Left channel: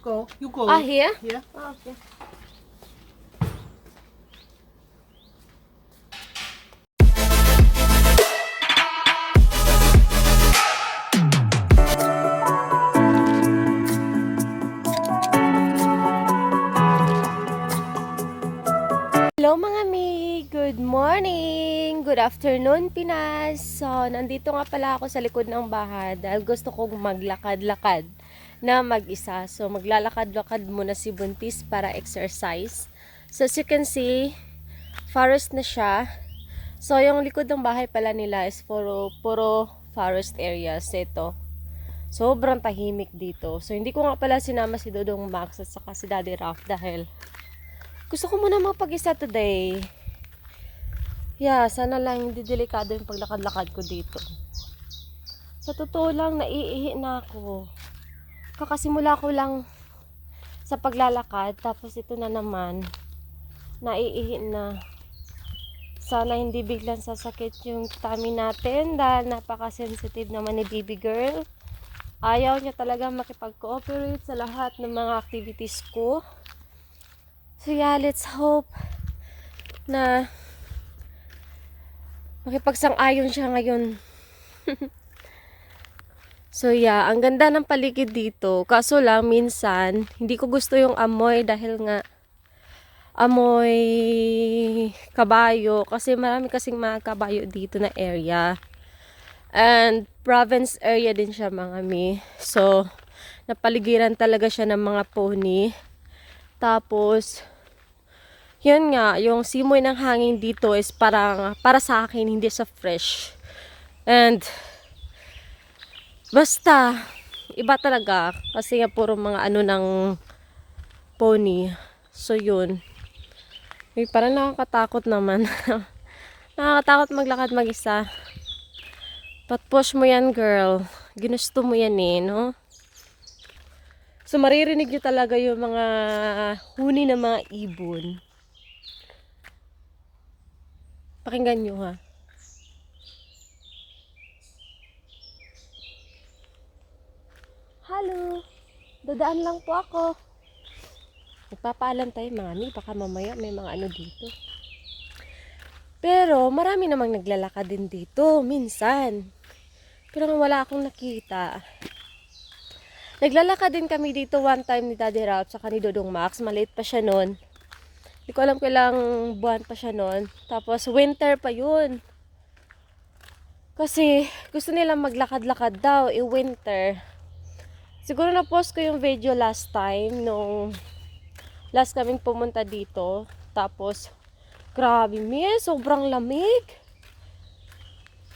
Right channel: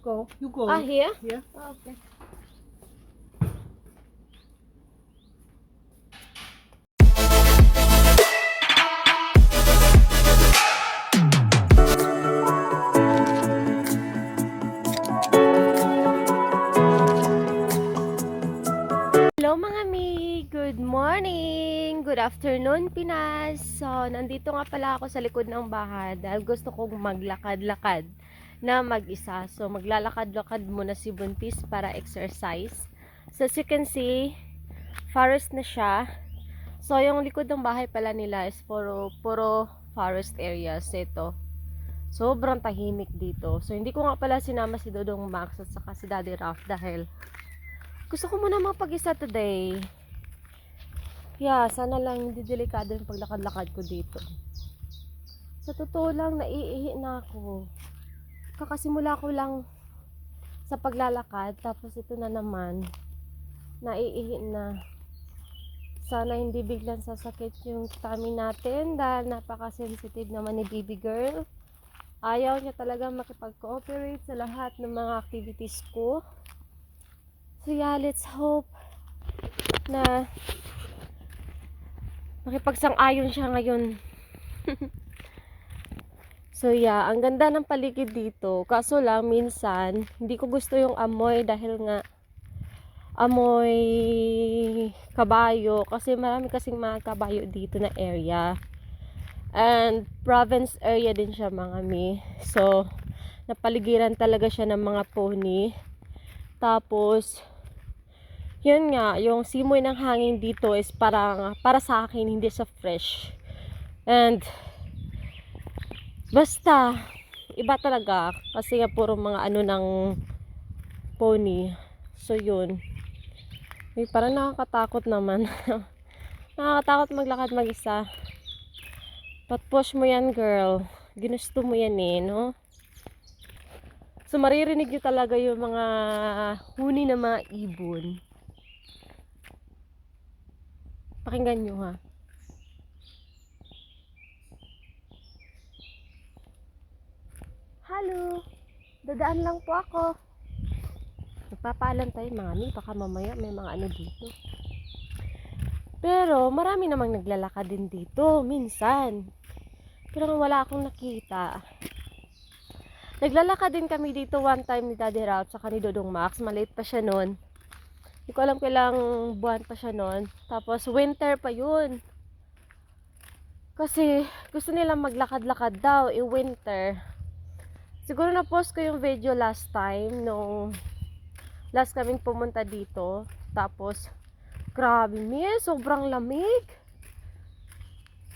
Go. You go. Ah, here? Yeah. Ah, okay. Hello mga mi! Good morning! Good afternoon Pinas! So, nandito nga pala ako sa likod ng bahay dahil gusto kong maglakad-lakad na mag-isa. So, maglalakad-lakad muna si Buntis para exercise. So, as you can see, forest na siya. So, yung likod ng bahay pala nila is puro forest areas. Ito. Sobrang tahimik dito. So, hindi ko nga pala sinama si Dodong Max at saka si Daddy Ralph dahil gusto ko muna mapag-isa today. Yeah, sana lang hindi delikado yung paglakad-lakad ko dito. Sa totoo lang, naiihi na ako. Kakasimula ko lang sa paglalakad, tapos ito na naman, naiihi na. Sana hindi biglang sasakit yung tummy natin dahil napaka-sensitive naman ni baby girl. Ayaw niya talaga makipag-cooperate sa lahat ng mga activities ko. So yeah, let's hope na makipagsang-ayon siya ngayon. So yeah, ang ganda ng paligid dito. Kaso lang, minsan, hindi ko gusto yung amoy dahil nga amoy kabayo. Kasi marami kasing mga kabayo dito na area. And province area din siya mga mi. So, napaligiran talaga siya ng mga pony. Tapos, yun nga, yung simoy ng hangin dito is para sa akin, hindi sa fresh. And, basta, iba talaga. Kasi nga puro mga ano ng pony. So, yun. Uy, parang nakakatakot naman. Nakakatakot maglakad mag-isa. But push mo yan, girl. Ginusto mo yan eh, no? So, maririnig nyo talaga yung mga huni ng mga ibon. Pakinggan nyo, ha? Hello! Dadaan lang po ako. Nagpapaalam tayo, mami. Baka mamaya may mga ano dito. Pero, marami namang naglalakad din dito. Minsan. Pero wala akong nakita. Naglalakad din kami dito one time ni Daddy Ralph saka ni Dodong Max. Maliit pa siya noon. Hindi ko alam kailang buwan pa siya noon. Tapos winter pa yun. Kasi gusto nilang maglakad-lakad daw winter. Siguro na-post ko yung video last time nung last kaming pumunta dito. Tapos grabe sobrang lamig.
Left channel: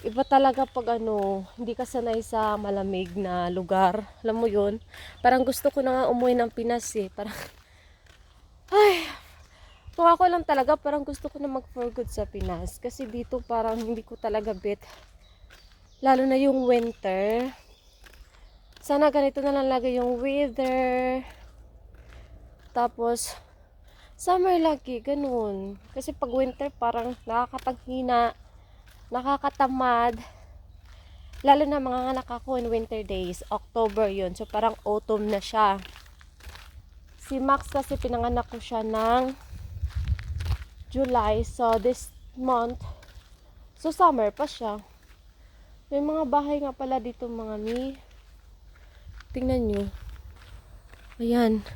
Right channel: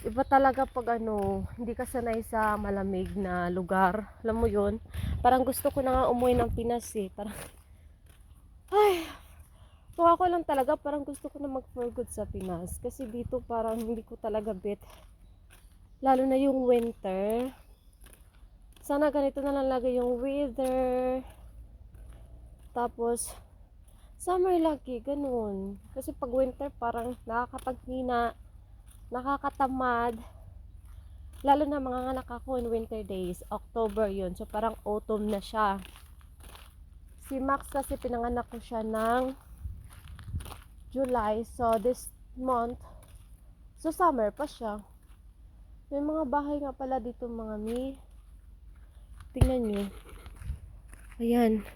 Iba talaga pag hindi ka sanay sa malamig na lugar. Alam mo yun? Parang gusto ko na nga umuwi ng Pinas eh. Parang, ay, kung ako lang talaga, parang gusto ko na mag-for good sa Pinas. Kasi dito parang hindi ko talaga bet. Lalo na yung winter. Sana ganito na lang lagi yung weather. Tapos, summer lagi, ganun. Kasi pag winter parang nakakapanghina, nakakatamad. Lalo na mga anak ako in winter days. October yun. So parang autumn na siya. Si Max kasi pinanganak ko siya ng July. So this month, so summer pa siya. May mga bahay nga pala dito mga mi. Tingnan nyo. Ayan.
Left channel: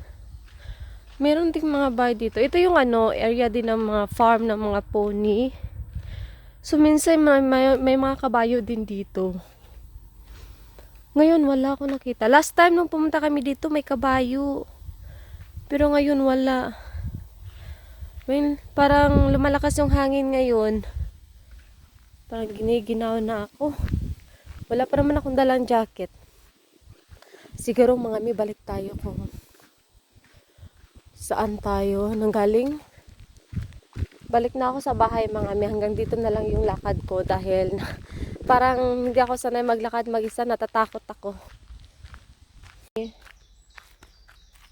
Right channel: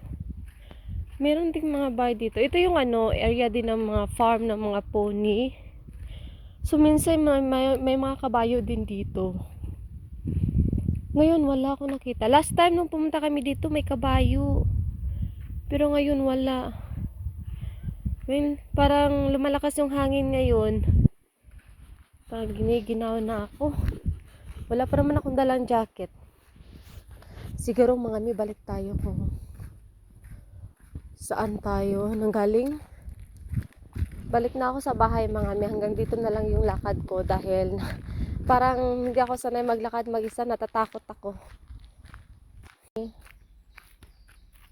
Meron ding mga bahay dito. Ito yung area din ng mga farm ng mga pony. So minsan may mga kabayo din dito. Ngayon wala ako nakita. Last time nung pumunta kami dito may kabayo. Pero ngayon wala. Parang lumalakas yung hangin ngayon. Parang giniginaw na ako. Wala pa naman akong dalang jacket. Siguro mga mi balik tayo kung saan tayo nanggaling. Balik na ako sa bahay mga mi. Hanggang dito na lang yung lakad ko dahil parang hindi ako sanay maglakad mag-isa. Natatakot ako.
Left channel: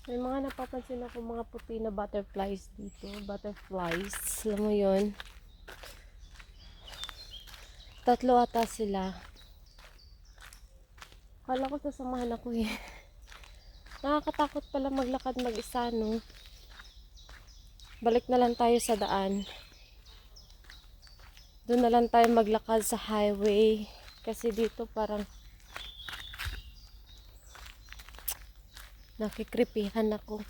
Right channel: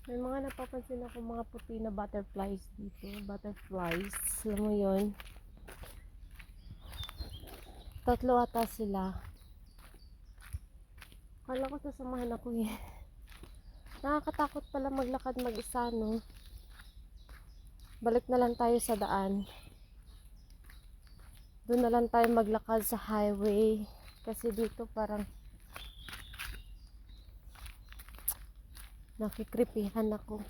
May mga napapansin ako mga puti na butterflies dito. Butterflies. Alam mo yun? Tatlo ata sila. Kala ko sasamahan ako eh. Nakakatakot pala maglakad mag-isa, no? Balik na lang tayo sa daan. Doon na lang tayo maglakad sa highway. Kasi dito parang nakikripihan ako.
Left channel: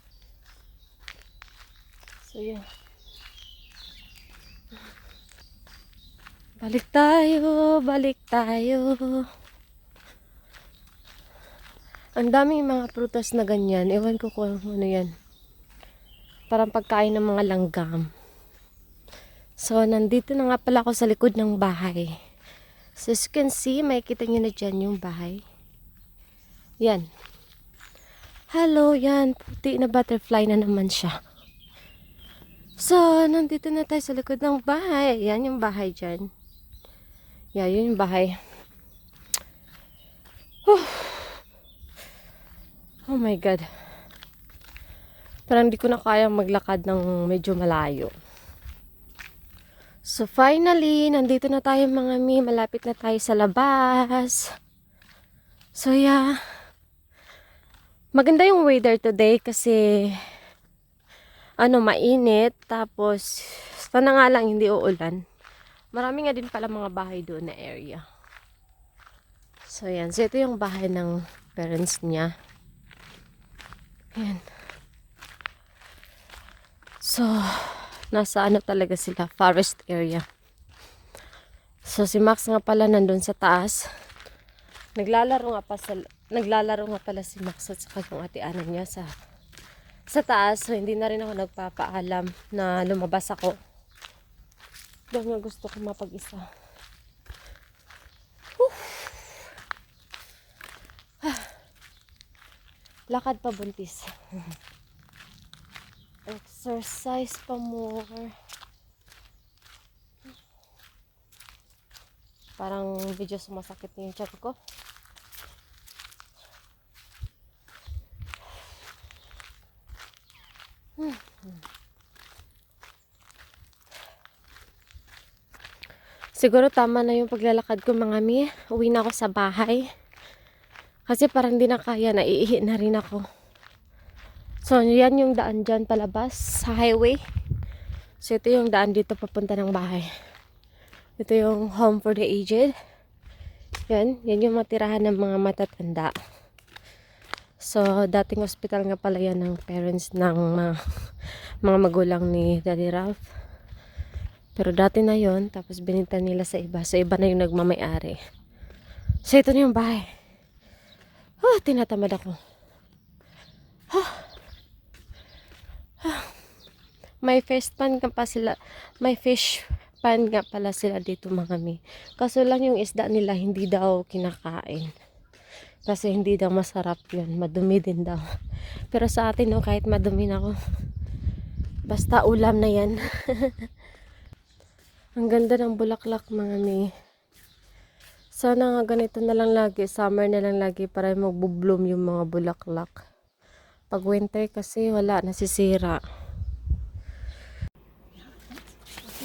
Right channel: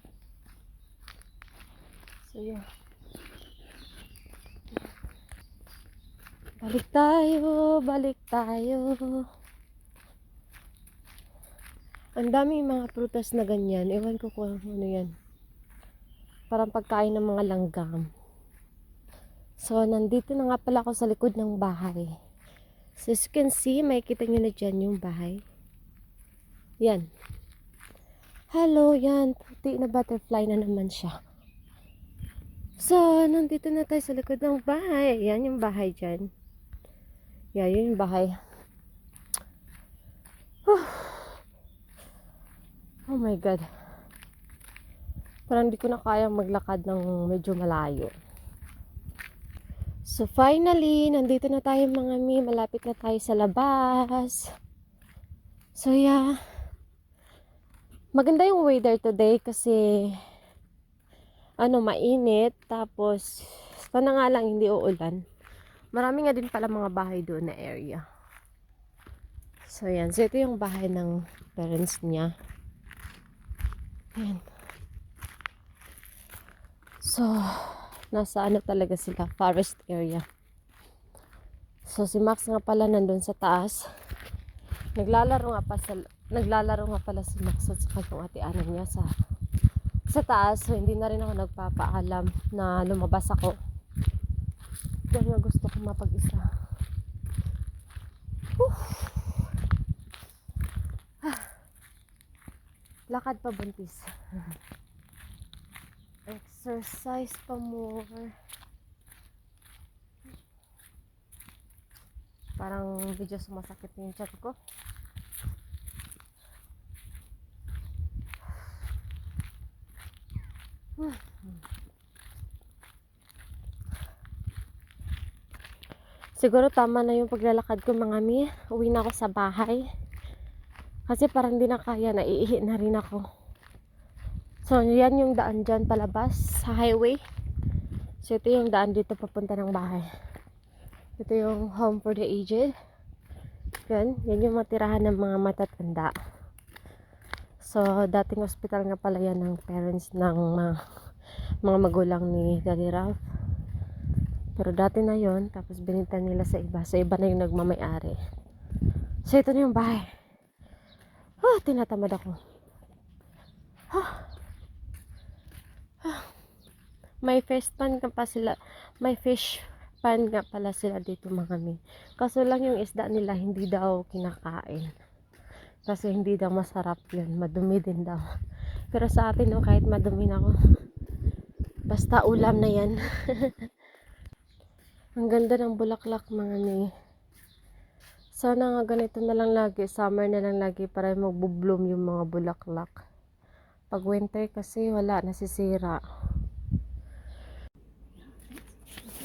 So, yeah. Balik tayo, balik tayo. Ang daming mga prutas na ganyan. Ewan ko kung ano yan. Parang pagkain ng mga langgam. So, nandito na nga pala ako sa likod ng bahay. So, as you can see, makikita nyo na dyan yung bahay. Yan. Hello, yan. Puti na butterfly na naman siya. So, nandito na tayo sa likod ng bahay. Yan yung bahay dyan. Yan, yun yung bahay. Oh my God. Parang di ko na kaya maglakad ng medyo malayo. So finally, nandito na tayo mga mi. Malapit na tayo sa labas. So yeah. Maganda yung weather today kasi mainit. Tapos, sana nga lang hindi uulan. Marami nga din pala mga bahay doon na area. So yan. So ito yung bahay ng parents niya. Yan. So, nasa talaga sila, forest area. So, si Max nga pala nandun sa taas. Naglalaro nga pala si Max at saka yung ate-anan niya sa taas. So, hindi na rin ako nagpapaalam na lumabas ako. Dahil gusto ko mapag-isa. Lakad pa buntis. Exercise pa more. Parang video sumasakit na yung tiyan ko. Siguro tama na yung paglalakad ko mga mi. Uwi na ako sa bahay. Kasi parang di na kaya, naiihi na rin ako. So, yan yung daan dyan palabas sa highway. So, ito yung daan dito papunta ng bahay. Ito yung home for the aged. Yan yung matirahan ng mga matatanda. So, dating hospital nga pala yan ng parents ng mga magulang ni Daddy Ralph. Pero dati na yon, tapos binenta nila sa iba. So, iba na yung nagmamayari. So, ito na yung bahay. Tinatamad ako. May fish pan nga pala sila dito mga mi. Kaso lang yung isda nila hindi daw kinakain. Kasi hindi daw masarap yun. Madumi din daw. Pero sa atin kahit madumi na ako. Basta ulam na yan. Ang ganda ng bulaklak mga mi. Sana nga ganito na lang lagi. Summer na lang lagi para magbo-bloom yung mga bulaklak. Pag winter kasi wala, nasisira.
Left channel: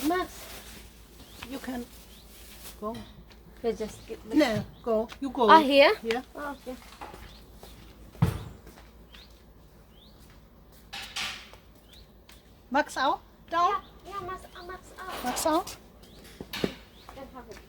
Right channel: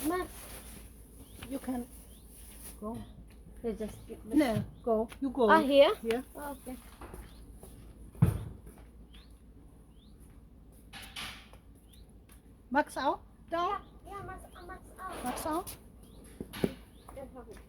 Max, You can go. you just get No, go. You go. here? Here. Oh, okay. Max out. Down. Yeah, Max out. Max out. Then have it.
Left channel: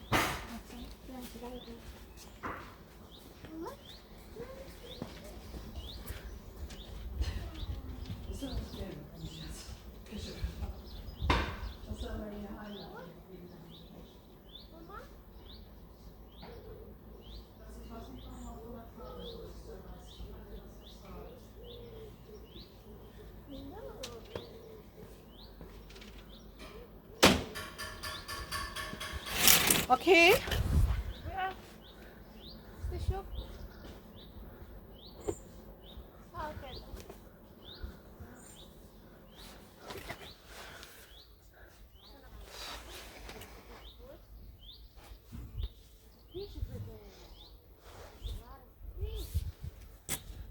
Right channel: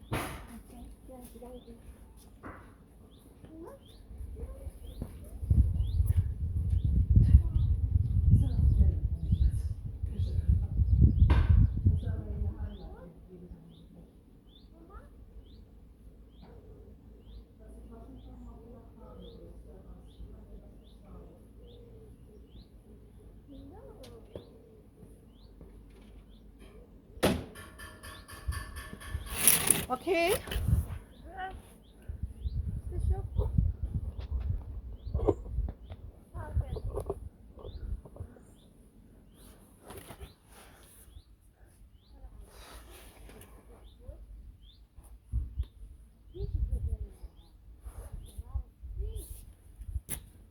Okay. The shop. Okay.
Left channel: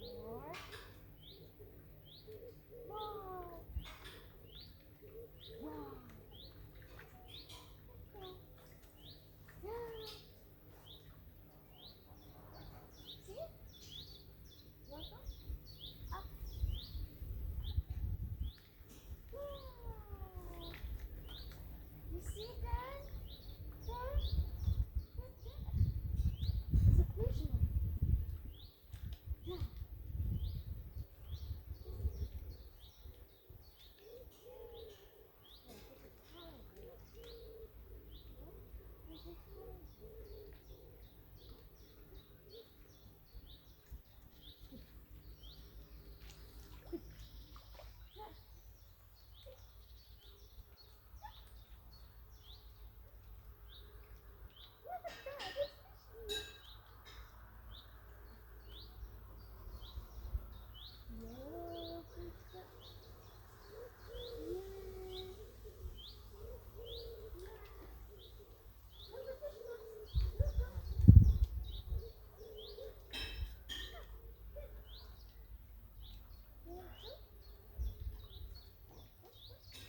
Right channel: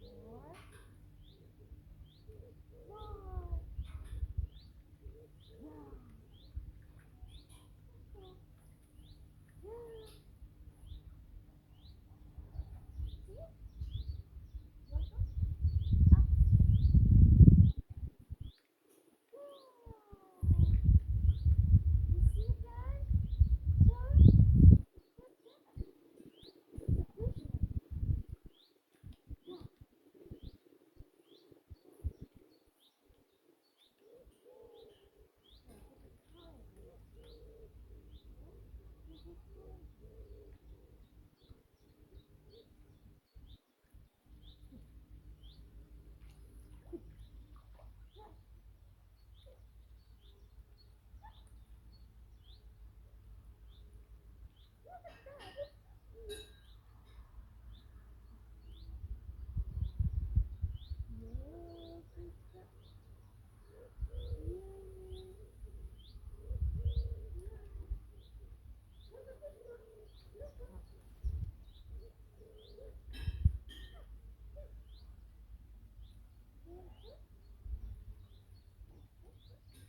More. Wow. Wow. Yeah. See? Want some? Up. Wow. You see that? There? Good job. It's a fish now. Yeah.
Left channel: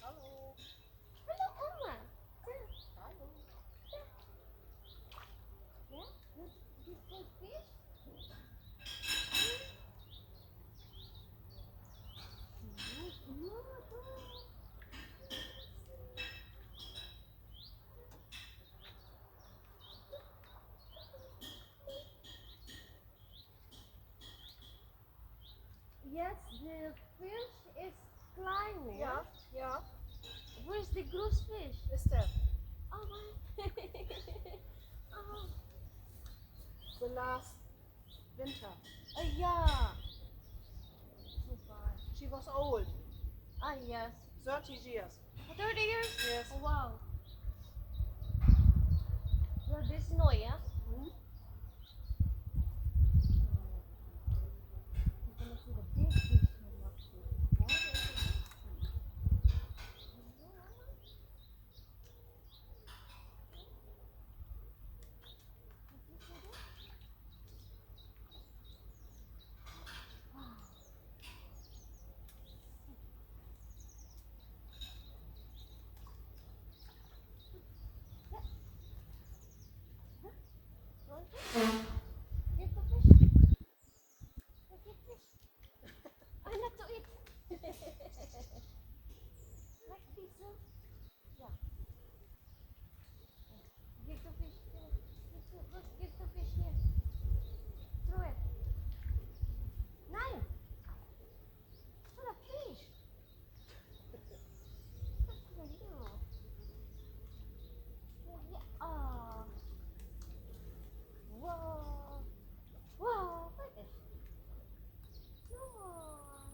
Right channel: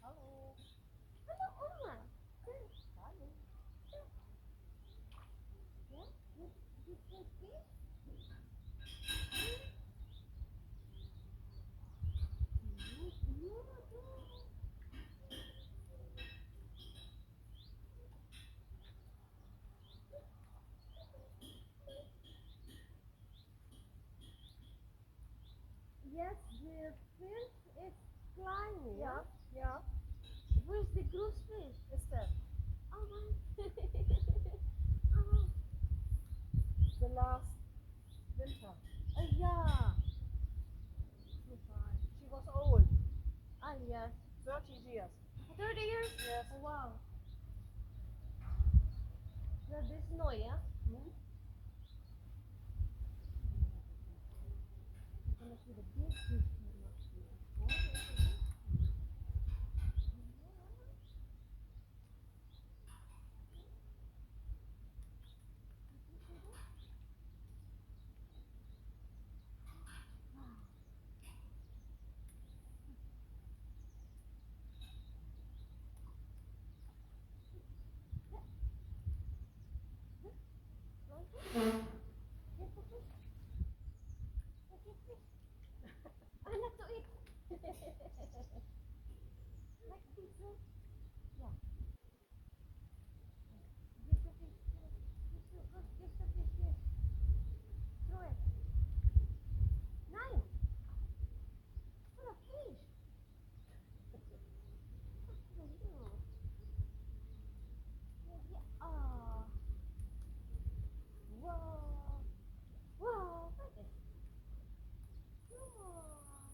Hallo. Hallo Oma. Hallo. Yeah? You good fish? Yes, the fish is climbing. Ja, ja. Where's the gross fish? Ist der. Oh my. Oh. The last winter. Yeah. Super. She was old. Ah, yes. 30 years. 30 years? Yes. Oh, wow. So this snow, yeah? Hmm? You're gonna see the big fish here, not the water is a big fish. Get the fish. Get fish. Ah, not to eat. Like this, huh? Yeah. Get the fish. Get the fish here. Throw it. 9. What a fish. What are you? Yeah. Oh. Whoa. Whoa. What is? Come on.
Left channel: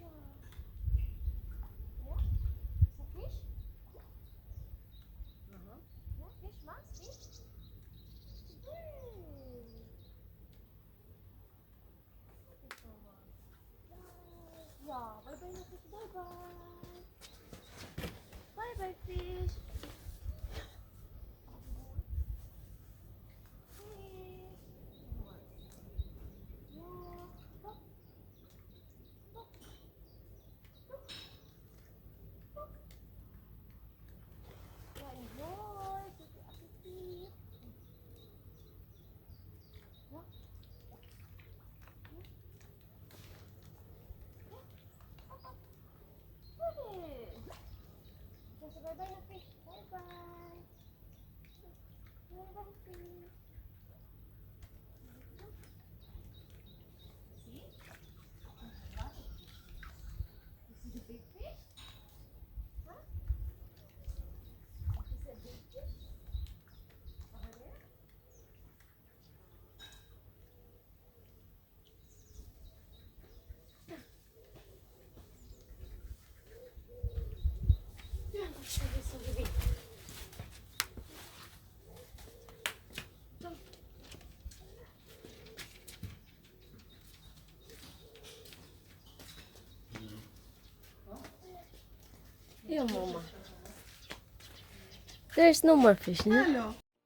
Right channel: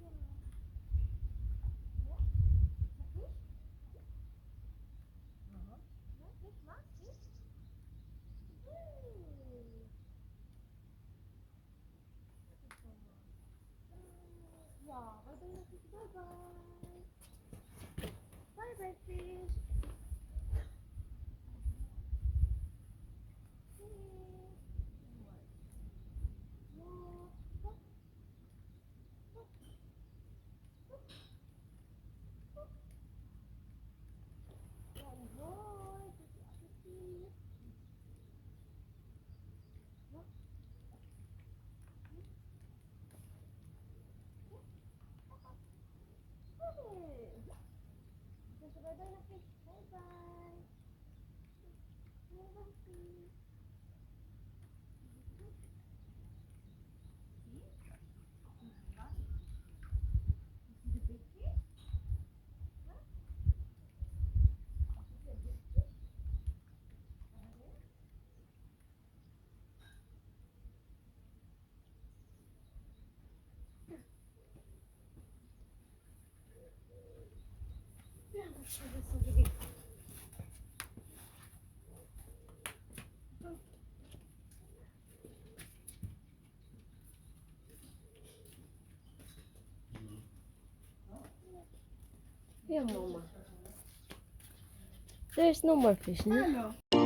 Yeah. Yeah. It's a fish? Mhm. Yeah, fish mask, fish. Hey. Thank you so much. Bye. Yeah, bye bye na fish. Bye bye. Bye bye fish. Hey. Yeah. Look. Look. Look. Look. Yeah, enjoy. Tuti appetit. Yeah. Hey. Just bye bye na fish. Bye bye. Bye bye fish. See? This is a big fish? Huh? This is a big fish? Over there? Yeah, let's try this over there. Yeah, Mama. There's no more fish, no? Ano?